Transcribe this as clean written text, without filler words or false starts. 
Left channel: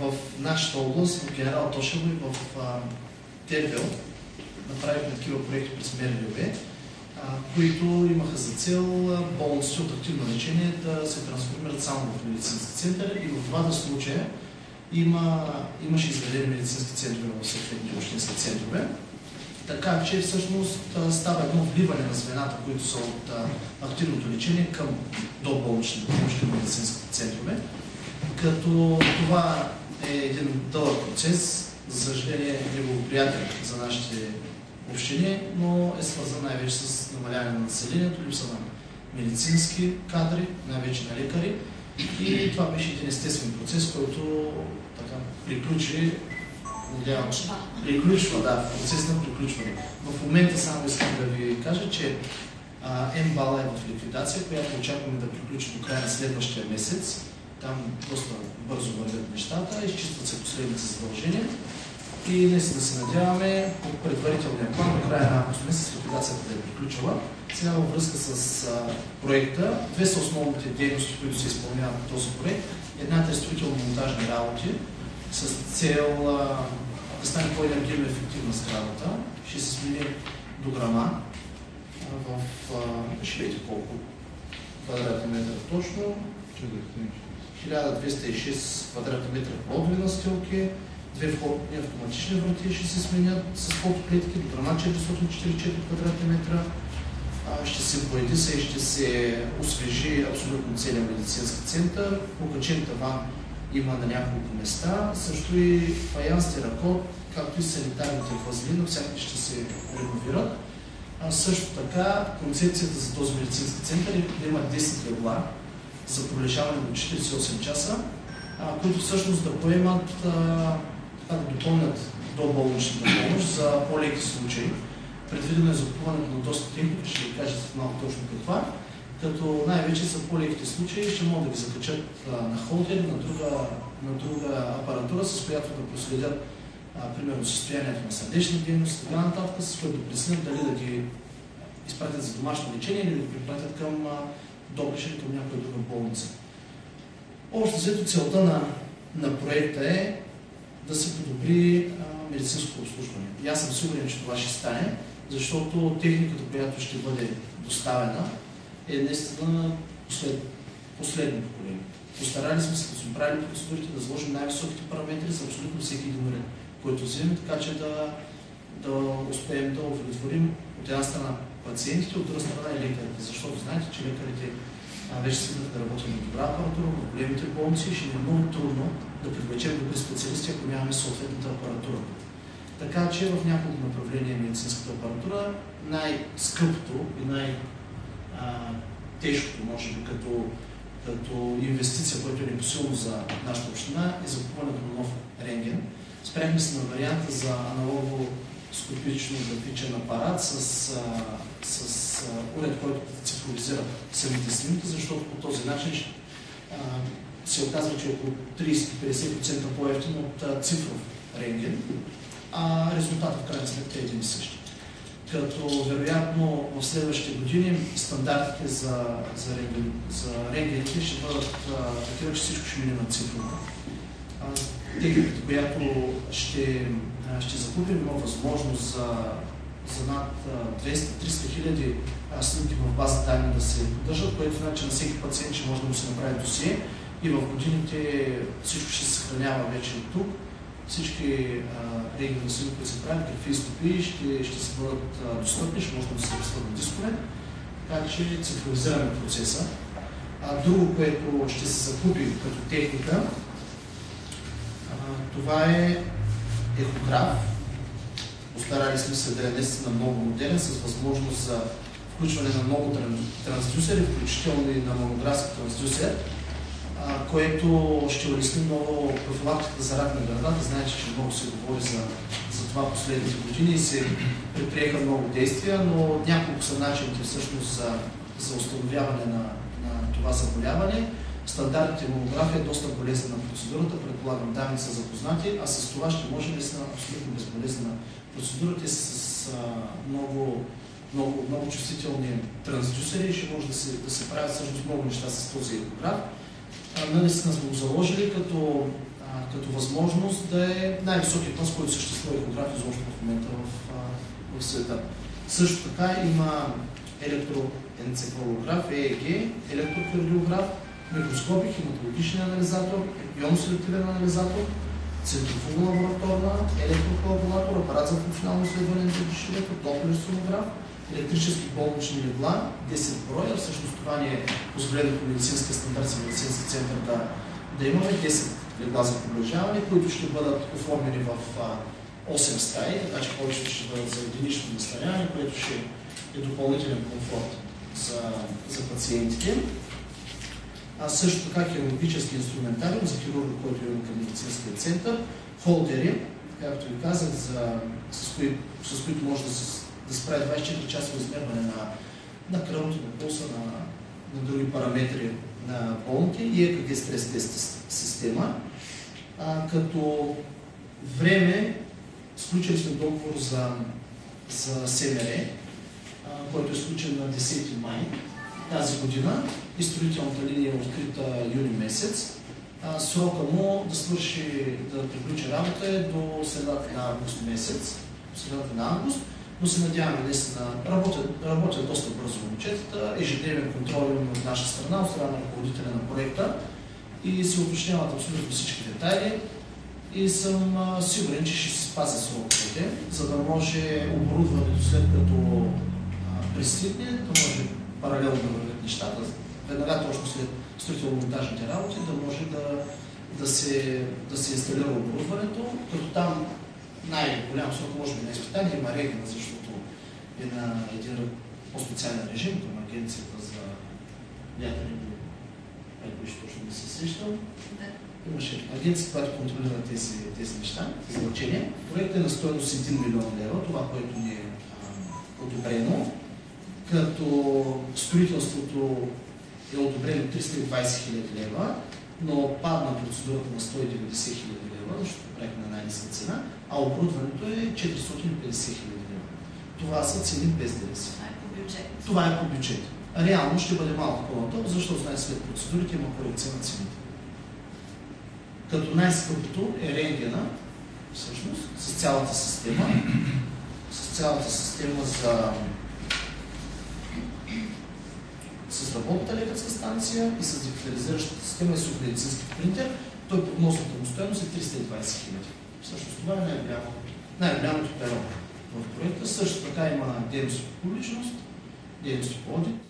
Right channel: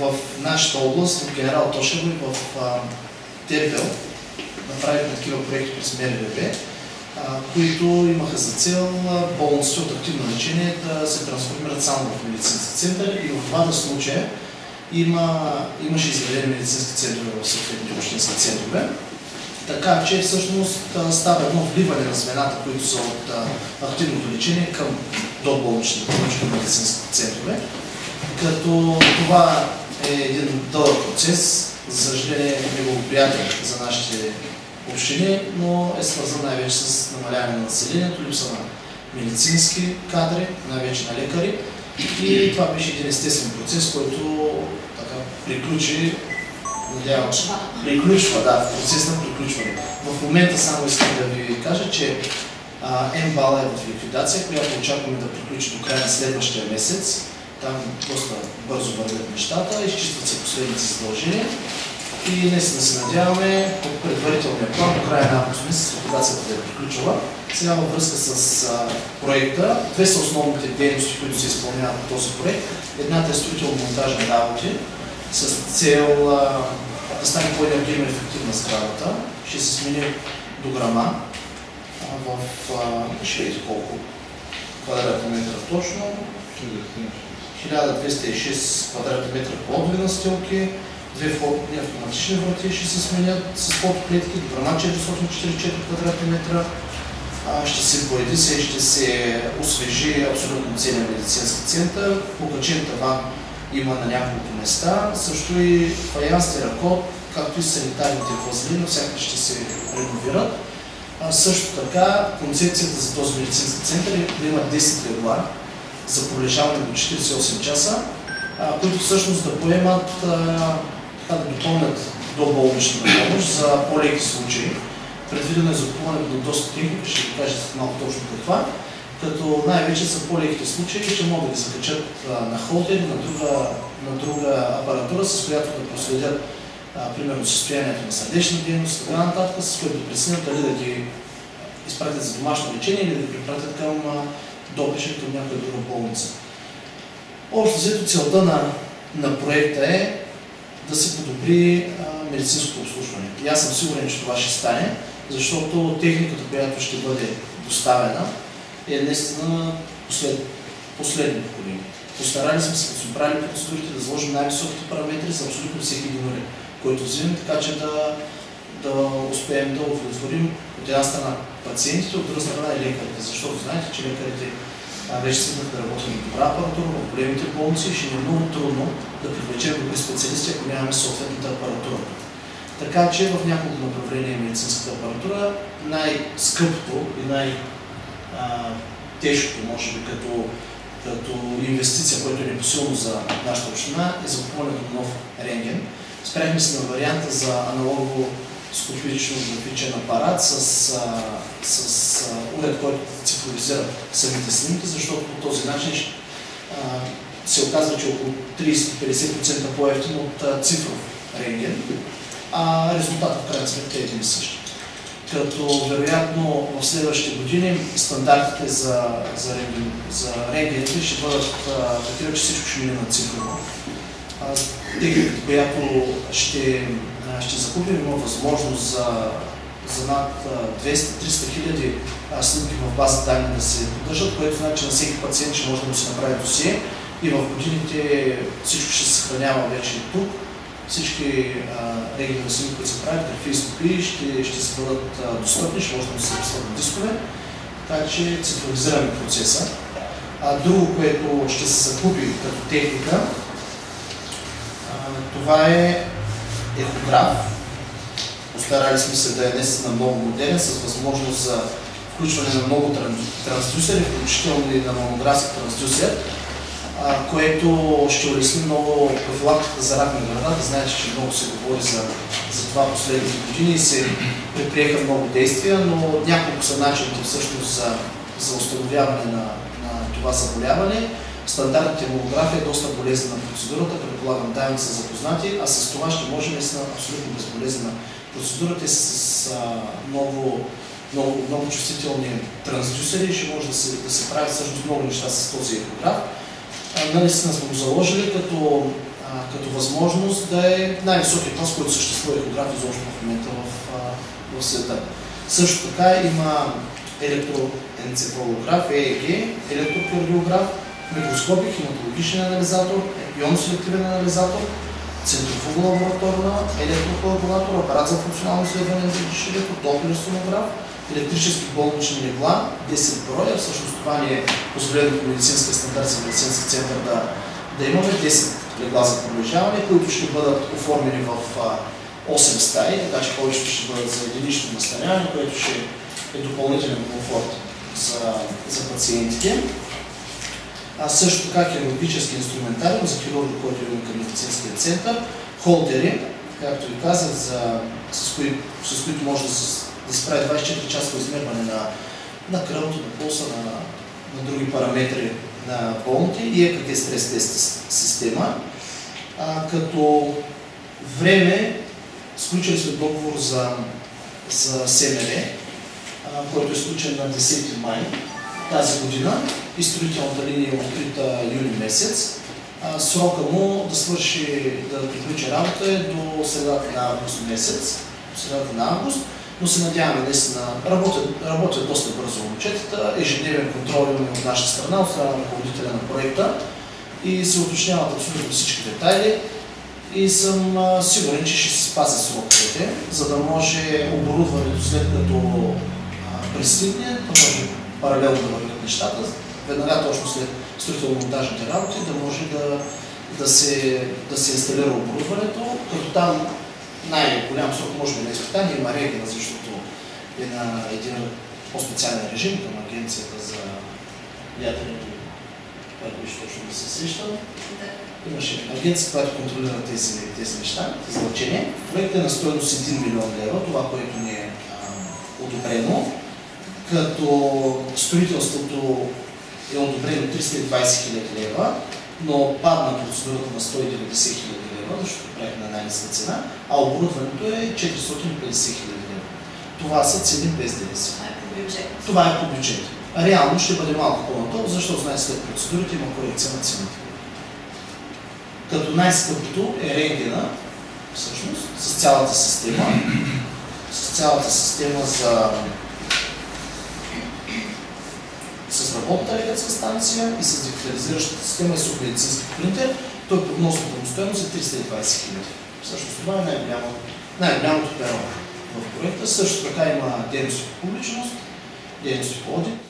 в нашата област, в Генерал Тошево и в Тербел, направихме такива проекти през МРРБ, които имаха за цел болниците от активно лечение да се трансформират само в медицински център, и в двата случая имаше изградени медицински центрове в съответните общински центрове. Така че всъщност става едно вливане на звената, които са от активното лечение към доболничните медицински центрове. Като това е един дълъг процес, за съжаление неблагоприятен за нашите общини, но е свързан най-вече с намаляване на населението, липса на медицински кадри, най-вече на лекари. И това беше един естествен процес, който така приключи, приключва, в процес на приключване. В момента само искам да ви кажа, че МБАЛ е в ликвидация, която очакваме да приключи до края на следващия месец. Там доста бързо вървят нещата, изчистват се последните задължения и наистина се надяваме по предварителния план до края на август месец ликвидацията да е приключила. Сега във връзка с проекта, две са основните дейности, които се изпълняват по този проект. Едната е строително-монтажни работи с цел да стане по-енергийно ефективна сградата. Ще се смени дограма ще видите колко квадратни метра точно. 1206 квадратни метра плодови настилки, две входни автоматични врати ще се сменят с фотоклетки, дограма 444 квадратни метра. Ще се поедиса и ще се освежи абсолютно целият медицински център. Покачен таван има на няколко места, също и фаянс, теракот, както и санитарните възли, навсякъде ще се реновират. Също така, концепцията за този медицински център е да има 10 легла за пролежаване до 48 часа, които всъщност да поемат, да допълнят доболничната помощ за по-леки случаи. Предвидено е закупуването на доста техника, ще ви кажа малко точно каква, като най-вече за по-леките случаи ще могат да ги закачат на холтери, на друга апаратура, с която да проследят примерно състоянието на сърдечна дейност и така нататък, с което да преценят дали да ги изпратят за домашно лечение или да ги препратят към допише към някоя друга болница. Общо взето целта на проекта е да се подобри медицинското обслужване. И аз съм сигурен, че това ще стане, защото техниката, която ще бъде доставена, е наистина последно поколение. Постарали сме се, като сме правили процедурите, да заложим най-високите параметри за абсолютно всеки един уред, който взимаме, така че да успеем да удовлетворим от една страна пациентите, от друга страна и лекарите, защото знаете, че лекарите вече свикнах да работим на добра апаратура в големите болници и ще ни е много трудно да привлечем добри специалисти, ако нямаме съответната апаратура. Така че в няколко направления медицинската апаратура най-скъпото и най-тежкото, може би като инвестиция, което е непосилно за нашата община, е закупуването на нов рентген. Спряхме се на варианта за аналогово скопично графичен апарат с уред, който цифровизира самите снимки, защото по този начин се оказва, че около 30-50% по-евтин от цифров рентген, а резултатът в крайна сметка е един и същи. Като вероятно в следващите години стандартите за рентгените ще бъдат такива, че всичко ще мине на цифрово. Техниката, която ще закупим, има възможност за над 200-300 хиляди снимки в база данни да се поддържат, което значи, че на всеки пациент ще може да му се направи досие и в годините всичко ще се съхранява вече и тук. Всички рентгенови снимки, които се правят, графи и стопи, ще се бъдат достъпни, ще може да се записват на дискове, така че цифровизираме процеса. Друго, което ще се закупи като техника, това е ехограф. Постарали сме се да е наистина много модерен, с възможност за включване на много трансдюсери, включително и на мамографски трансдюсер, което ще улесни много профилактиката за рак на гърдата. Знаете, че много се говори за това последните години и се предприеха много действия, но няколко са начините всъщност за установяване на това заболяване. Стандартните мамография е доста болезнена процедурата, предполагам данни са запознати, а с това ще може наистина абсолютно безболезнена процедурата и с много чувствителни трансдюсери ще може да се правят всъщност много неща с този ехограф. Наистина сме го заложили, като като възможност да е най-високият клас, който съществува ехограф изобщо в момента в света. Също така има електроенцефалограф, ЕЕГ, електрокардиограф, микроскопик, хематологичен анализатор, ионно-селективен анализатор, центрофугна лабораторна, електрокоагулатор, апарат за функционално изследване на дишането, доплер сонограф, електрически болнични легла, 10 броя. Всъщност това ни е позволено по медицинския стандарт за медицински център да имаме 10 легла за пролежаване, които ще бъдат оформени в 8 стаи, така че повечето ще бъдат за единично настаняване, което ще е допълнителен комфорт за пациентите. Също така хирургически инструментариум за хирурги, който имаме към медицинския център, холдери, както ви казах, с които може да се прави 24-часово измерване на кръвното, на пулса, на други параметри на болните и ЕКГ стрес тест система. Като време сключили сме договор за СМР, който е сключен на 10 май тази година и строителната линия е открита юни месец. Срока му да приключи работа е до средата на август месец, но се надяваме наистина, работят доста бързо момчетата, ежедневен контрол имаме от наша страна, от страна на ръководителя на проекта и се уточняват абсолютно всички детайли и съм сигурен, че ще се спазят сроковете, за да може оборудването след като пристигне, да може паралелно да вървят нещата, веднага точно след строително-монтажните работи, да може да се инсталира оборудването, като там най-голям срок може би на изпитание има регена, защото е на един по-специален режим към Агенцията за ядрени, което беше точно да се сещам. Имаше агенция, която контролира тези неща, тези лъчения. Проектът е на стойност 1 милион лева, това, което ни е одобрено, като строителството е одобрено 320 хиляди лева, но падна процедурата на 190 хиляди лева, защото правихме на най-ниска цена, а оборудването е 450 хиляди лева. Това са цени без ДДС. Това е по бюджет. Реално ще бъде малко по-надолу, защото знаете след процедурите има корекция на цените. Като най-скъпото е рентгена, всъщност, с цялата система с работната лекарска станция и с дигитализиращата система и с медицински принтер, той прогнозната му стойност е 320 хиляди. Всъщност това е най-голямото перо в проекта. Също така има дейности по публичност, дейности по одит.